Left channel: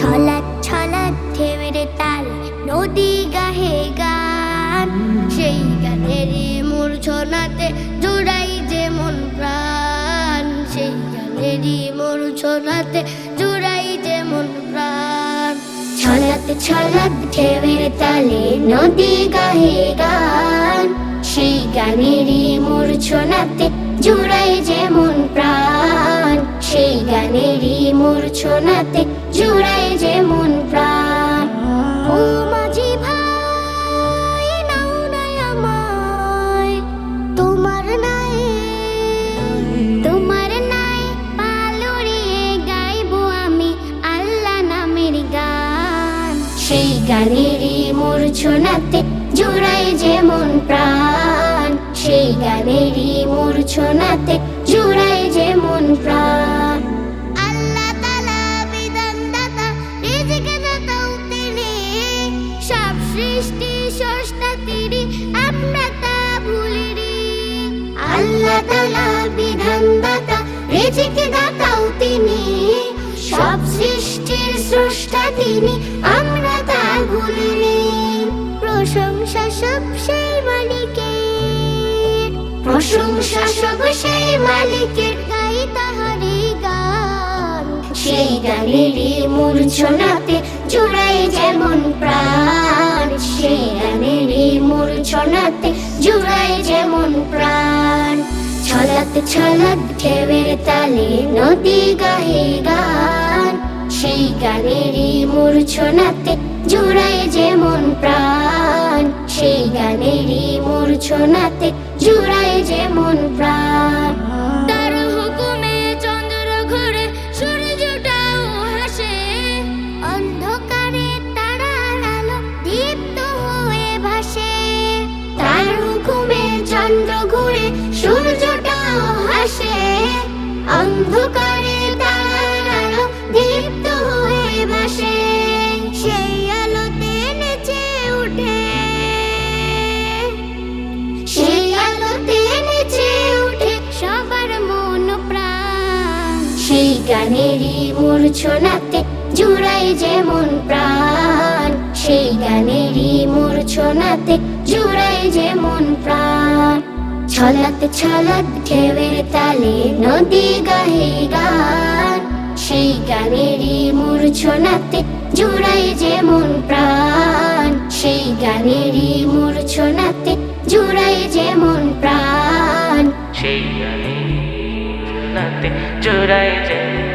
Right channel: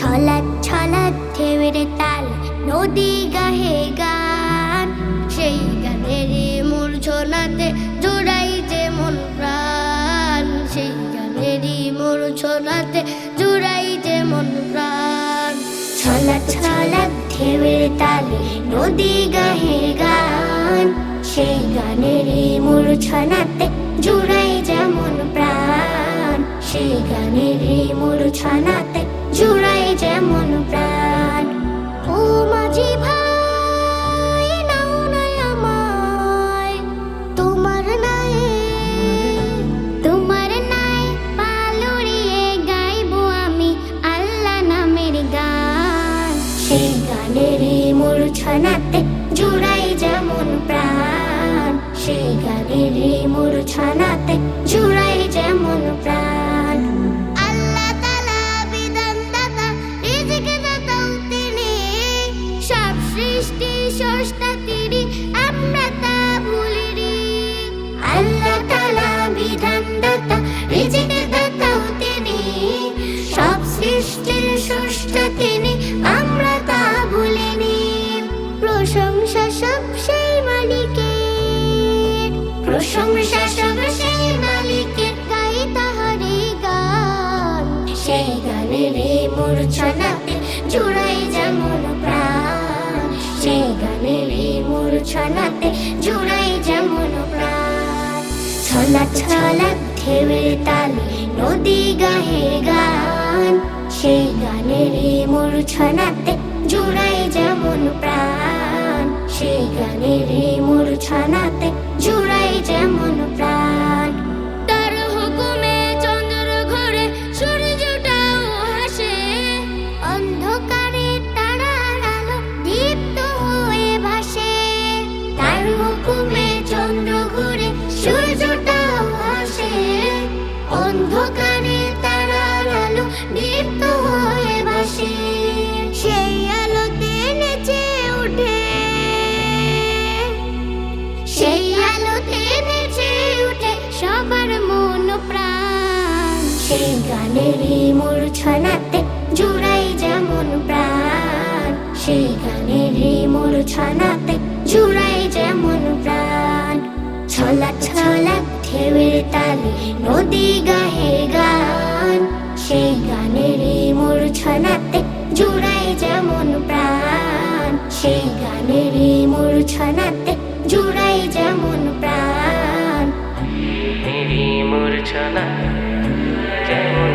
ছলাৎ ছলাৎ ঢেউয়ের তালে নদী গাহে গান, সেই গানেরই মূর্ছনাতে জুড়াই যে মন প্রাণ, সেই গানেরই মূর্ছনাতে জুড়াই যে মন প্রাণ। ছলাৎ ছলাৎ ঢেউয়ের তালে নদী গাহে গান, সেই গানেরই মূর্ছনাতে জুড়াই যে মন প্রাণ, সেই গানেরই মূর্ছনাতে জুড়াই যে মন প্রাণ। ও মাঝি ভাই নাও না আমায়, তোমার নাই পালুরিয়ে গাইবো আমি আল্লাহ নামের গান, সেই গানেরই মূর্ছনাতে জুড়াই যে মন প্রাণ, সেই গানেরই মূর্ছনাতে জুড়াই যে মন প্রাণ। আল্লাহ তাআলা বিধান দাতা, রিজিক দাতাও তিনি, সব সৃষ্টি স্রষ্টা তিনি, আমরা তা ভুলিনি। আল্লাহ তাআলা বিধান দাতা, রিজিক দাতাও তিনি, সব সৃষ্টির স্রষ্টা তিনি, আমরা তা ভুলিনি। প্রশংসা সব সেই মালিকের, প্রশংসা সব সেই মালিকের, গাই তাহারি গান, সেই গানেরই মূর্ছনাতে জুড়াই যে মন প্রাণ, সেই গানেরই মূর্ছনাতে জুড়াই যে মন প্রাণ। ছলাৎ ছলাৎ ঢেউয়ের তালে নদী গাহে গান, সেই গানেরই মূর্ছনাতে জুড়াই যে মন প্রাণ, সেই গানেরই মূর্ছনাতে জুড়াই যে মন প্রাণ। তার হুকুমে চন্দ্র ঘোরে, সূর্যটাও হাসে, অন্ধকারে তারার আলো দীপ্ত হয়ে ভাসে। তার হুকুমে চন্দ্র ঘোরে, সূর্যটাও হাসে, অন্ধকারে তারার আলো দীপ্ত হয়ে ভাসে। সেই আলোতে নেচে উঠে, সেই আলোতে নেচে উঠে সবার মন প্রাণ, সেই গানেরই মূর্ছনাতে জুড়াই যে মন প্রাণ, সেই গানেরই মূর্ছনাতে জুড়াই যে মন প্রাণ। ছলাৎ ছলাৎ ঢেউয়ের তালে নদী গাহে গান, সেই গানেরই মূর্ছনাতে জুড়াই যে মন প্রাণ, সেই গানেরই মূর্ছনাতে জুড়াই যে মন প্রাণ, সেই গানেরই মূর্ছনাতে জুড়াই যে মন